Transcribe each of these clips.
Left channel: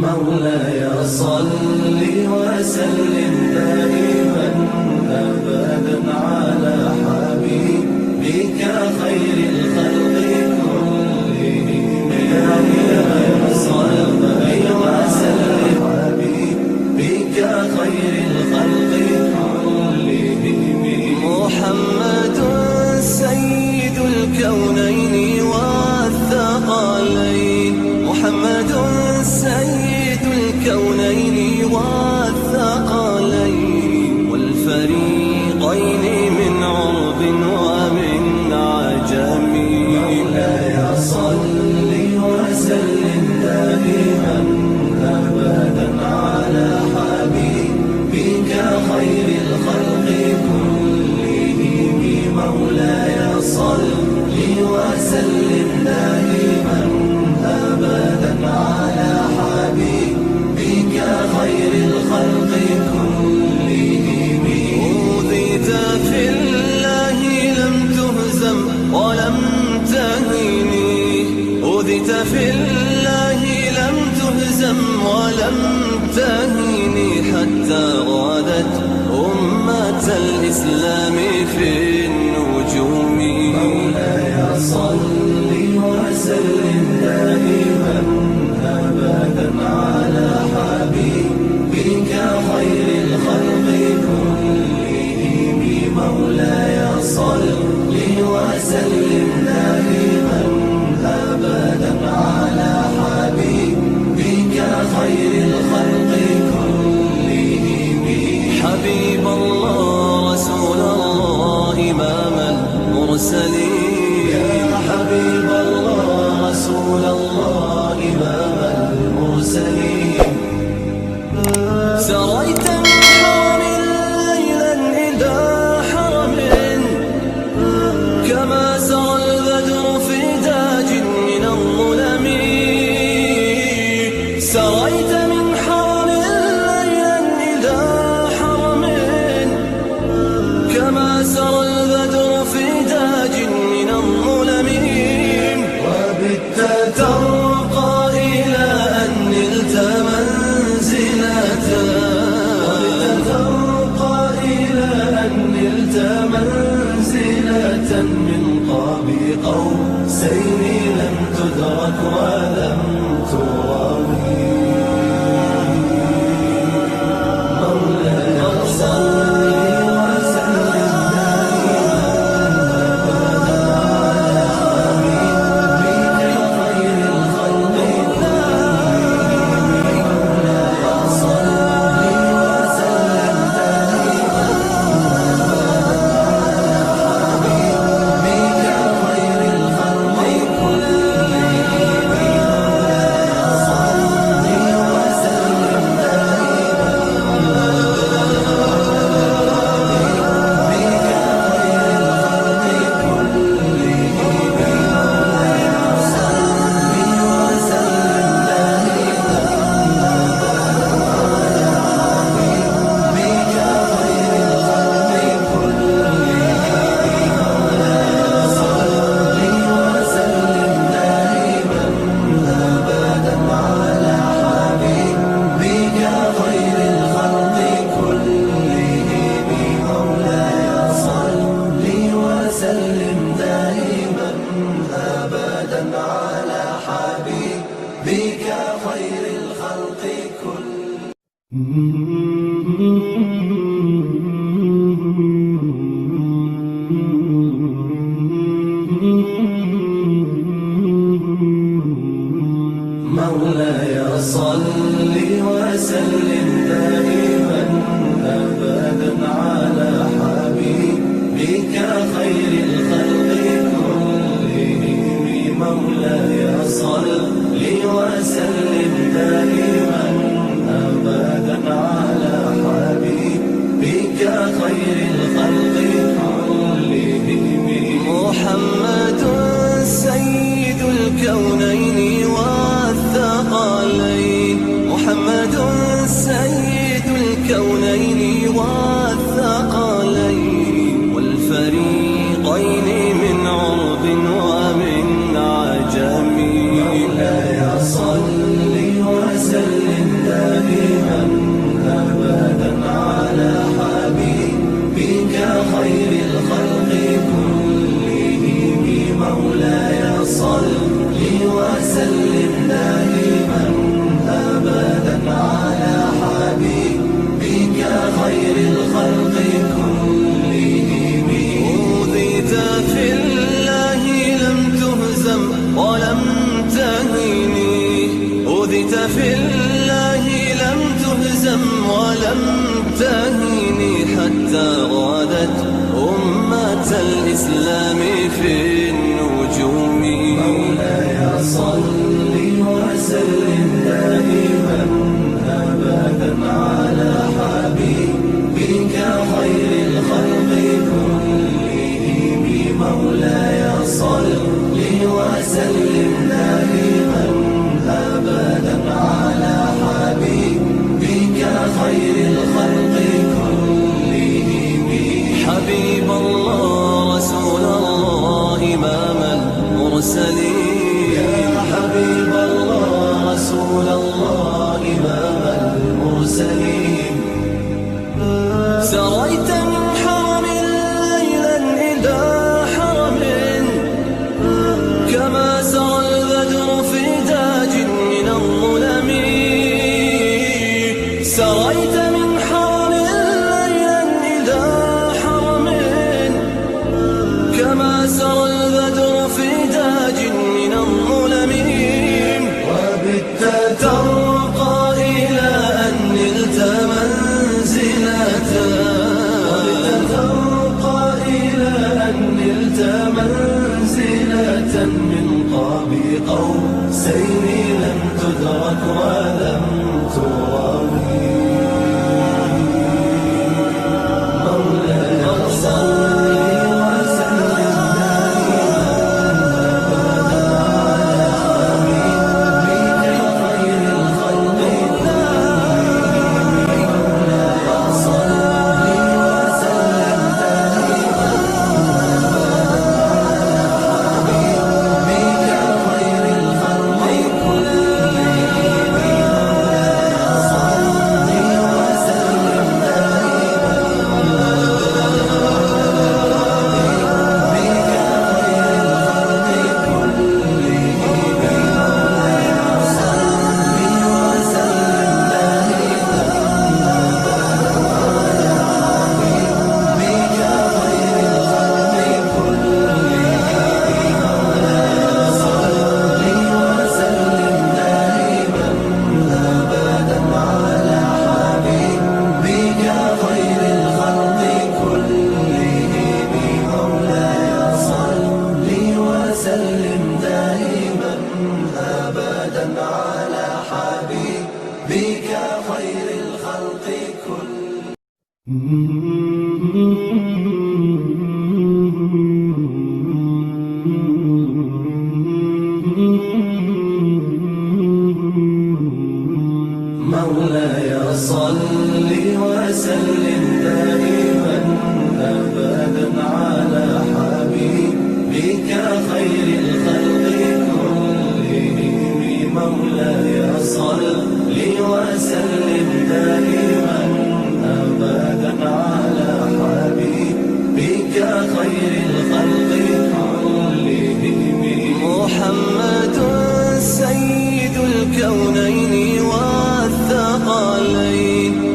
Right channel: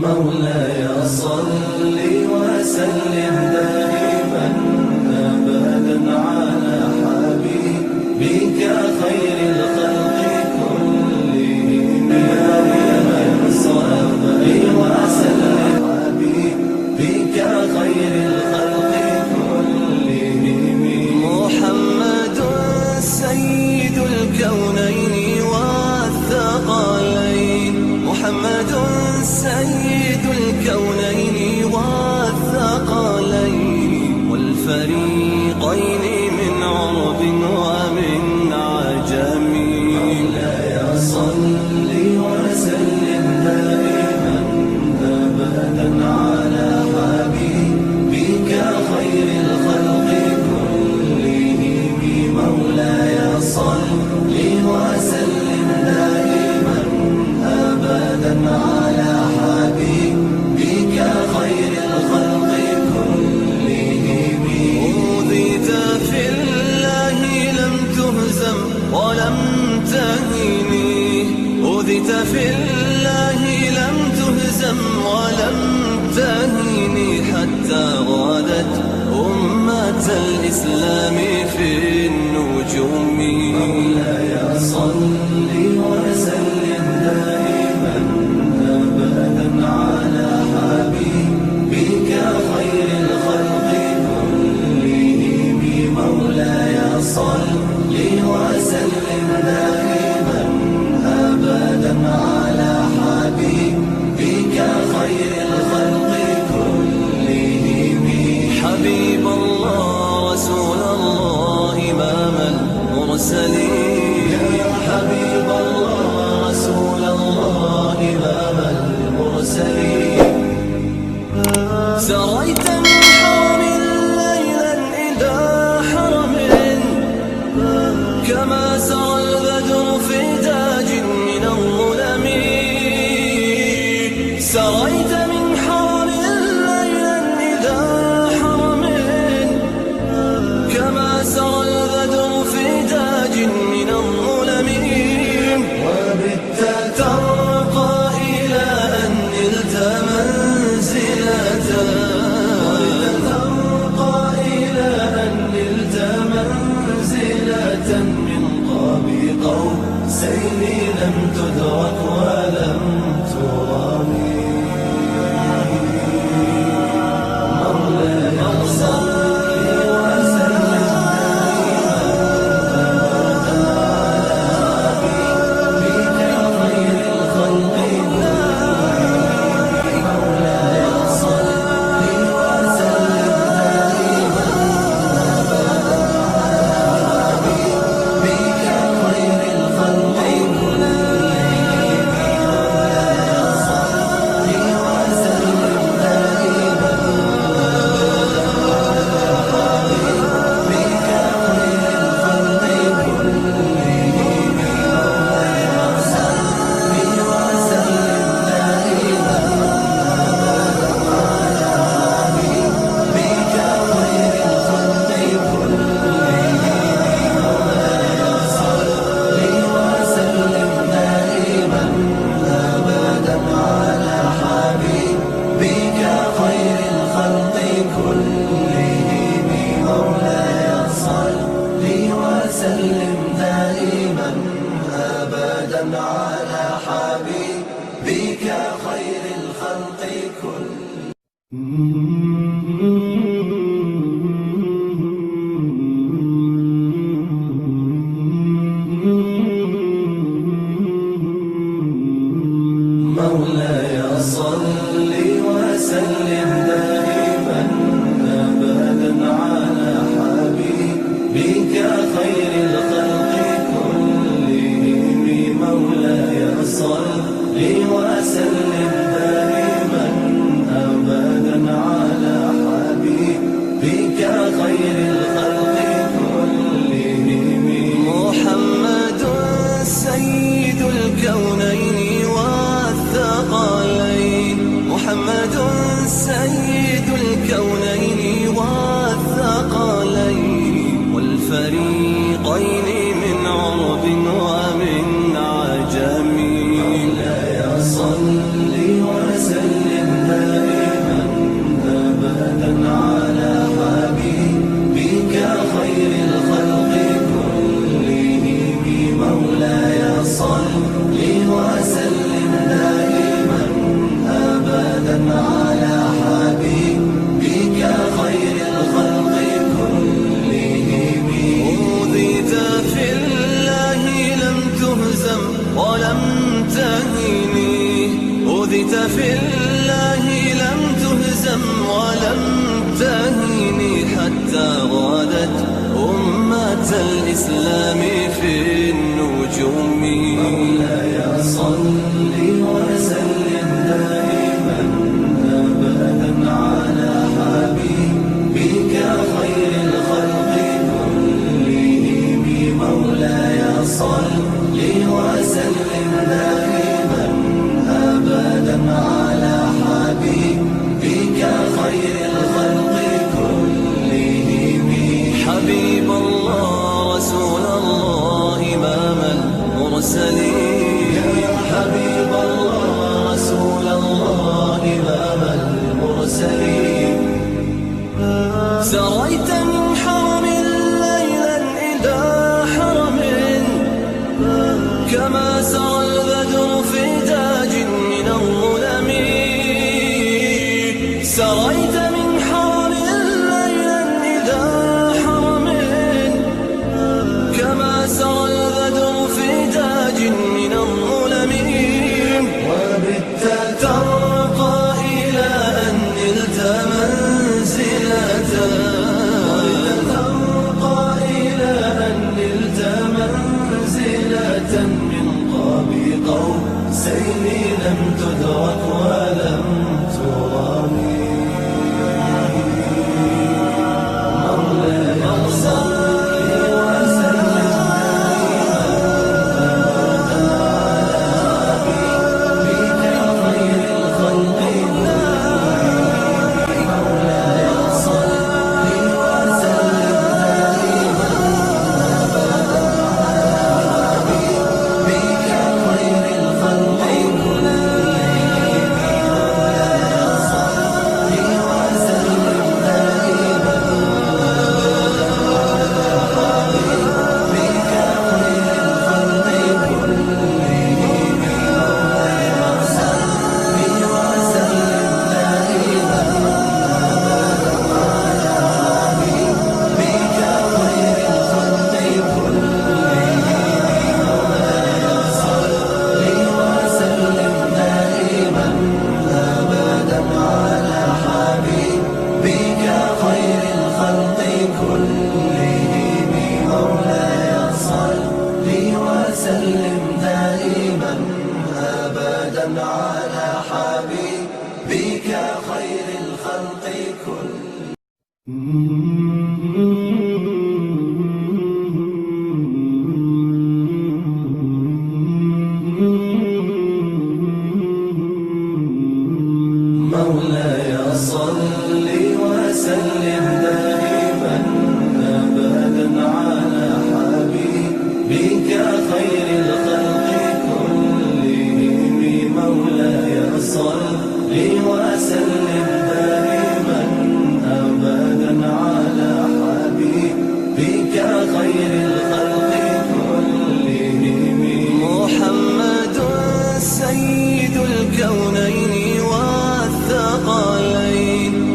مولاي صل وسلم دائما أبدا على حبيبك خير الخلق كلهم دائما صل وسلم حبيبك خير الخلق كلهم محمد سيد الكونين والثقلين محمد سيد الكونين والثقلين والفريقين من عرب ومن عجم مولاي صل وسلم دائما أبدا على حبيبك خير الخلق كلهم مولاي صل وسلم دائما أبدا على حبيبك خير الخلق كلهم أوذيت في الله لم تهزم ولم تهني أوذيت في الله لم تهزم ولم تهني حتى غادت أمة الإسلام في النجوم مولاي صل وسلم دائما أبدا على حبيبك خير الخلق كلهم مولاي صل وسلم دائما أبدا على حبيبك خير الخلق كلهم حبيب الله رسول الله إمام المرسلين حبيب الله رسول الله إمام المرسلين سريت من حرم ليلا إلى حرم كما سرى البدر في تاج من الظلم سريت من حرم ليلا إلى حرم كما سرى البدر في تاج من الظلم وبت ترقى إلى أن نلت منزلة من قاب قوسين لم تدرك ولم تراوي مولاي صل على حبيبك خير الخلق مولاي صل وسلم دائما أبدا على حبيبك خير الخلق كلهم مولاي صل وسلم دائما أبدا على حبيبك خير الخلق كلهم محمد سيد الكونين والثقلين محمد سيد الكونين تهيني حتى غادت أمة الإسلام في النجوم. مولاي صل وسلم دائما أبدا على حبيبك خير الخلق كلهم. مولاي صل وسلم دائما أبدا على حبيبك خير الخلق كلهم. حبيب الله رسول الله إمام المرسلين. حبيب الله رسول الله إمام المرسلين. سريت من حرم ليلا إلى حرم كما سرى البدر في تاج من الظلم. سريت من حرم ليلا إلى حرم كما سرى البدر في تاج من الظلم. وبت ترقى إلى أن نلت منزلة. من قاب قوسين لم تدرك ولم تراوي. مولاي صل وسلم دائما خير الخلق. مولاي صل على حبيبك خير الخلق مولاي صل وسلم دائما أبدا على حبيبك خير الخلق كلهم. مولاي صل وسلم دائما أبدا على حبيبك خير الخلق كلهم. محمد سيد الكونين والثقلين.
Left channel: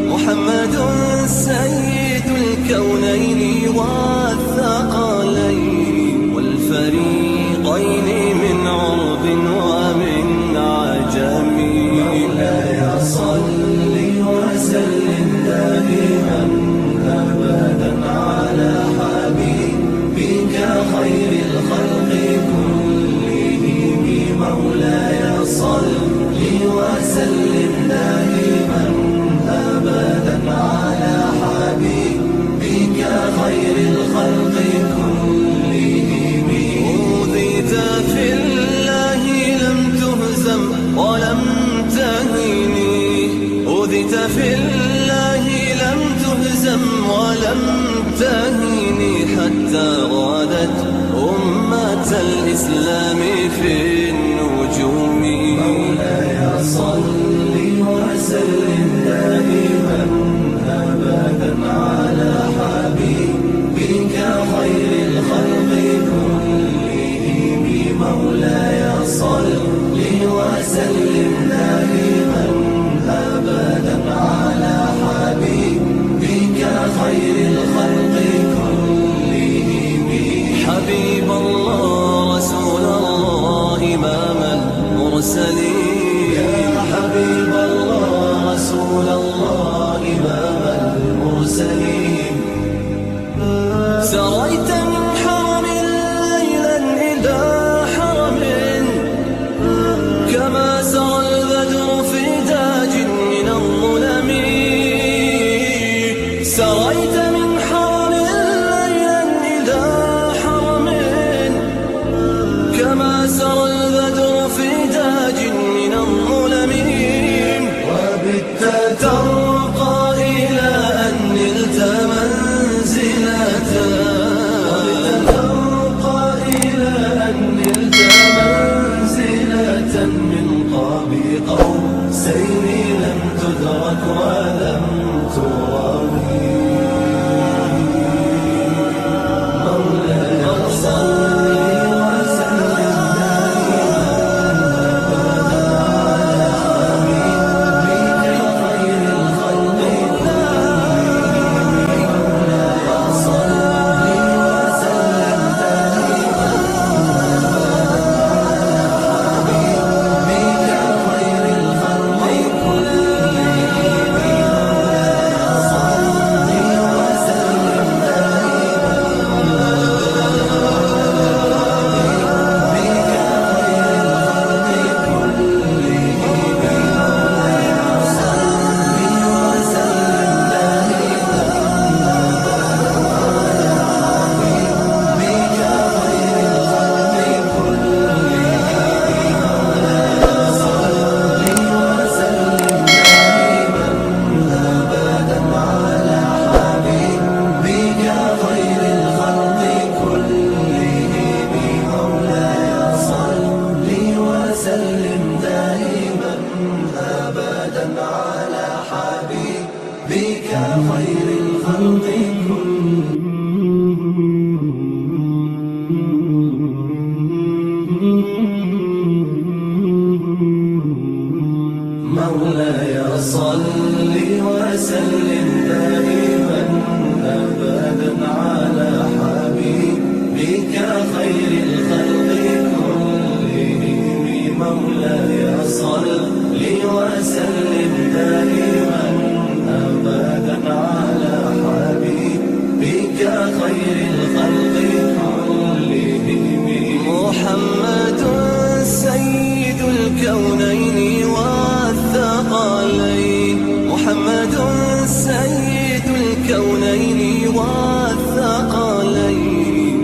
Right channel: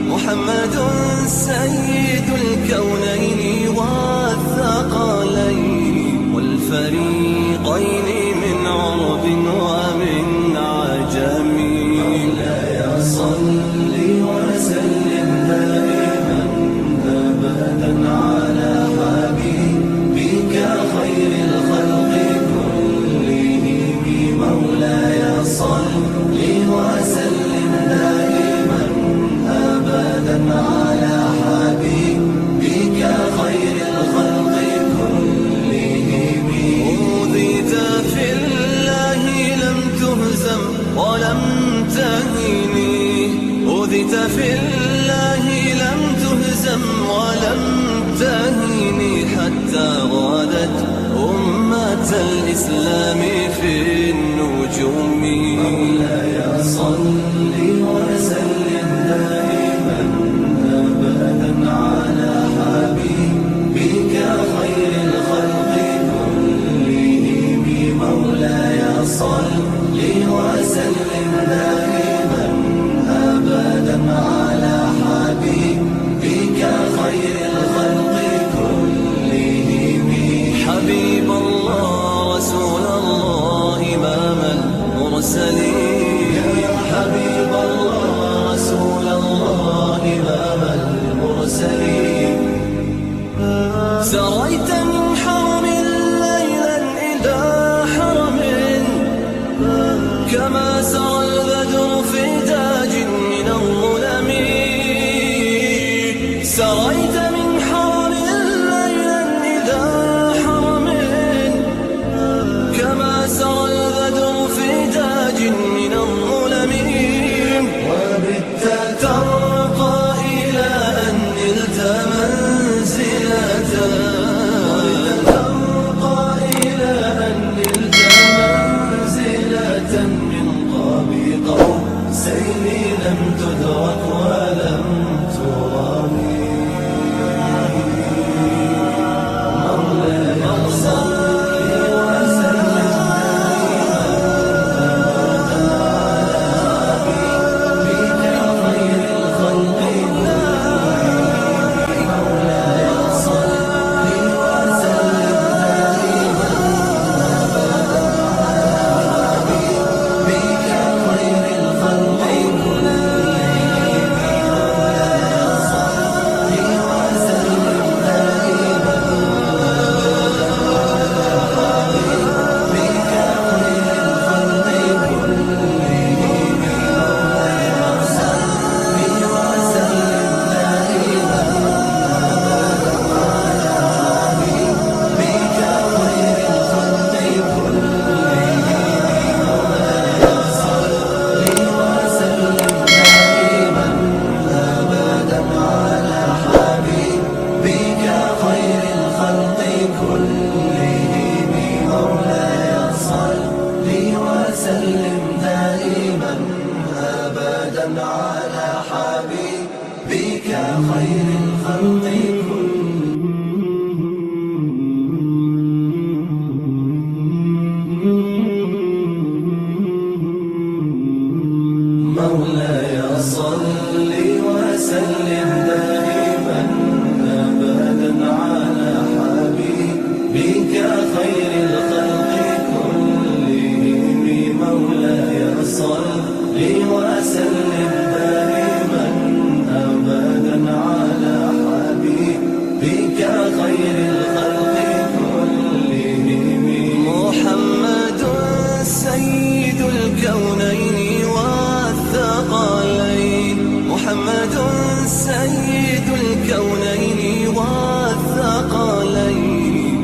محمد سيد الكونين والثقلين والفريقين من عرب ومن عجم. مولاي صل وسلم دائما أبدا على حبيبك خير الخلق كلهم. مولاي صل وسلم دائما أبدا على حبيبك خير الخلق كلهم. أوذيت في الله لم تهزم ولم تهيني. أوذيت في الله لم تهزم ولم تهيني حتى غادت أمة الإسلام في النجوم. مولاي صل وسلم دائما أبدا على حبيبك خير الخلق كلهم. مولاي صل وسلم دائما أبدا على حبيبك خير الخلق كلهم. حبيب الله رسول الله إمام المرسلين. حبيب الله رسول الله إمام المرسلين. المرسلين. سريت من حرم ليلا إلى حرم، كما سرى البدر في داج من الظلم. سريت من حرم ليلا إلى حرم، كما سرى البدر في داج من الظلم. وبت ترقى إلى أن نلت منزلة، من قاب قوسين لم تدرك ولم تراوي. مولاي صل وسلم على حبيبك خير الخلق مولاي صل وسلم دائما أبدا على حبيبك خير الخلق كلهم. مولاي صل وسلم دائما أبدا على حبيبك خير الخلق كلهم. محمد سيد الكونين والثقلين، محمد سيد الكونين والثقلين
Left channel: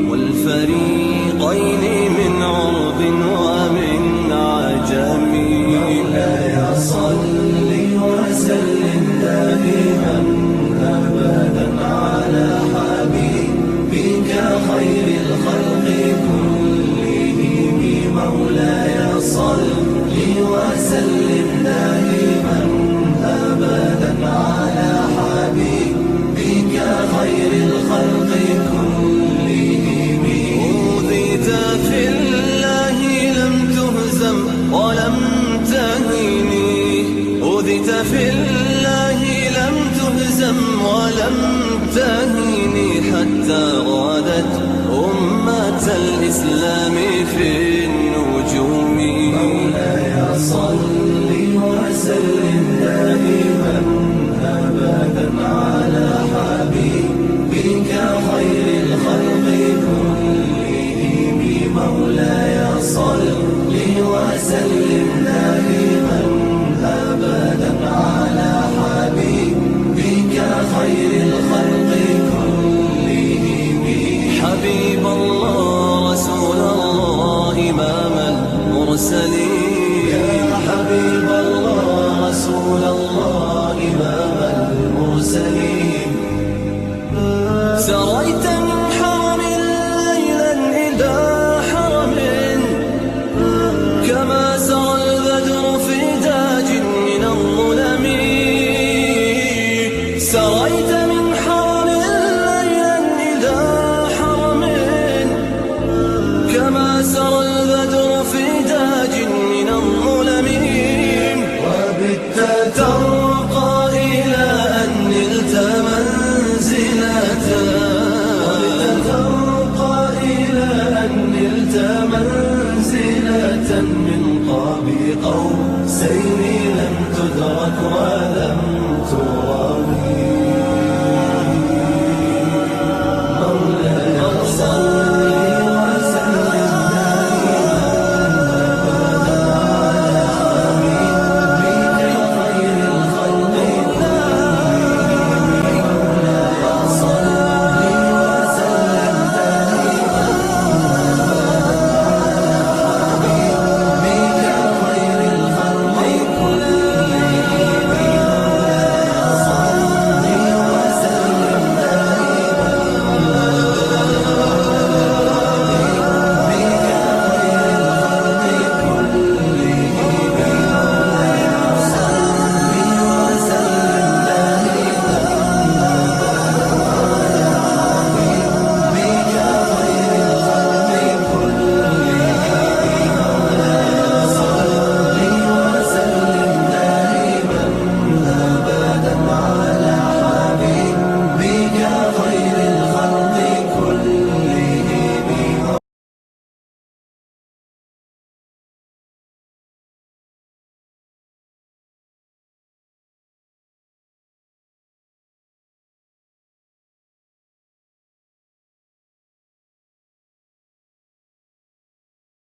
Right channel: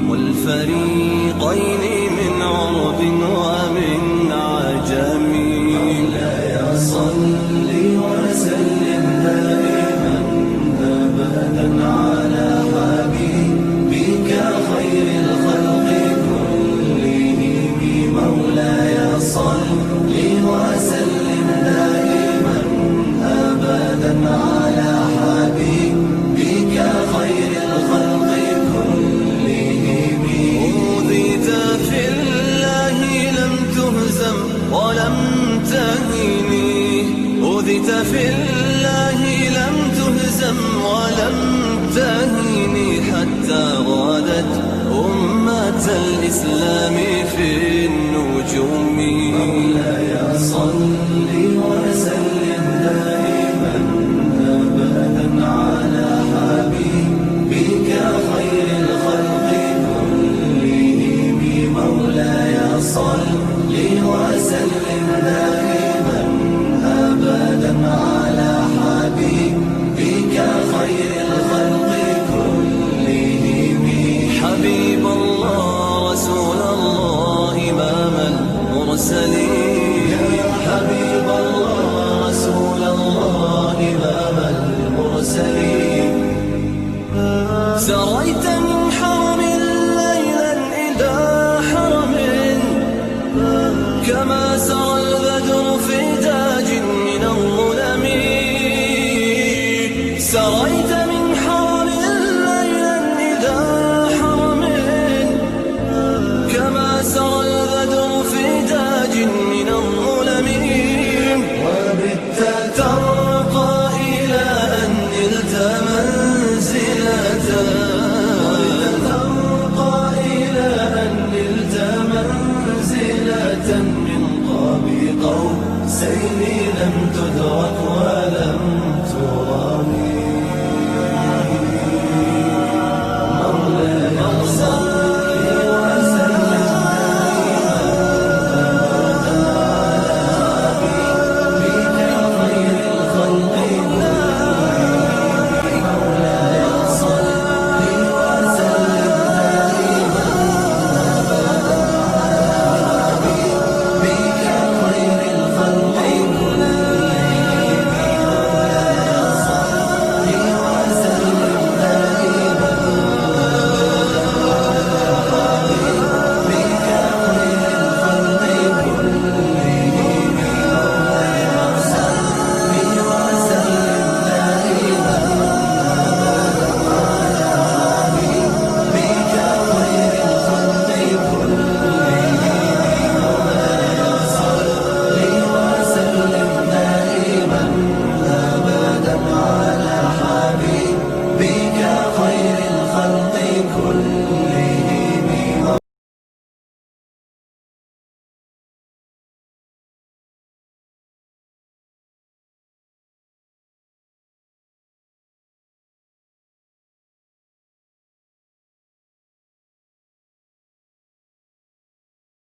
والفريقين من عرب ومن عجم. مولاي صل وسلم دائما أبدا على حبيبك خير الخلق كلهم. مولاي صل وسلم دائما أبدا على حبيبك خير الخلق كلهم. أوذيت في الله لم تهزم ولم تهني، أوذيت في الله لم تهزم ولم تهني، حتى غادت أمة الإسلام في النجوم. مولاي صل وسلم دائما أبدا على حبيبك خير الخلق كلهم. مولاي صل وسلم دائما أبدا على حبيبك خير الخلق كلهم. حبيب الله رسول الله إمام المرسلين، حبيب الله رسول الله إمام المرسلين. سريت من حرم ليلا إلى حرم، كما سرى البدر في داج من الظلم. سريت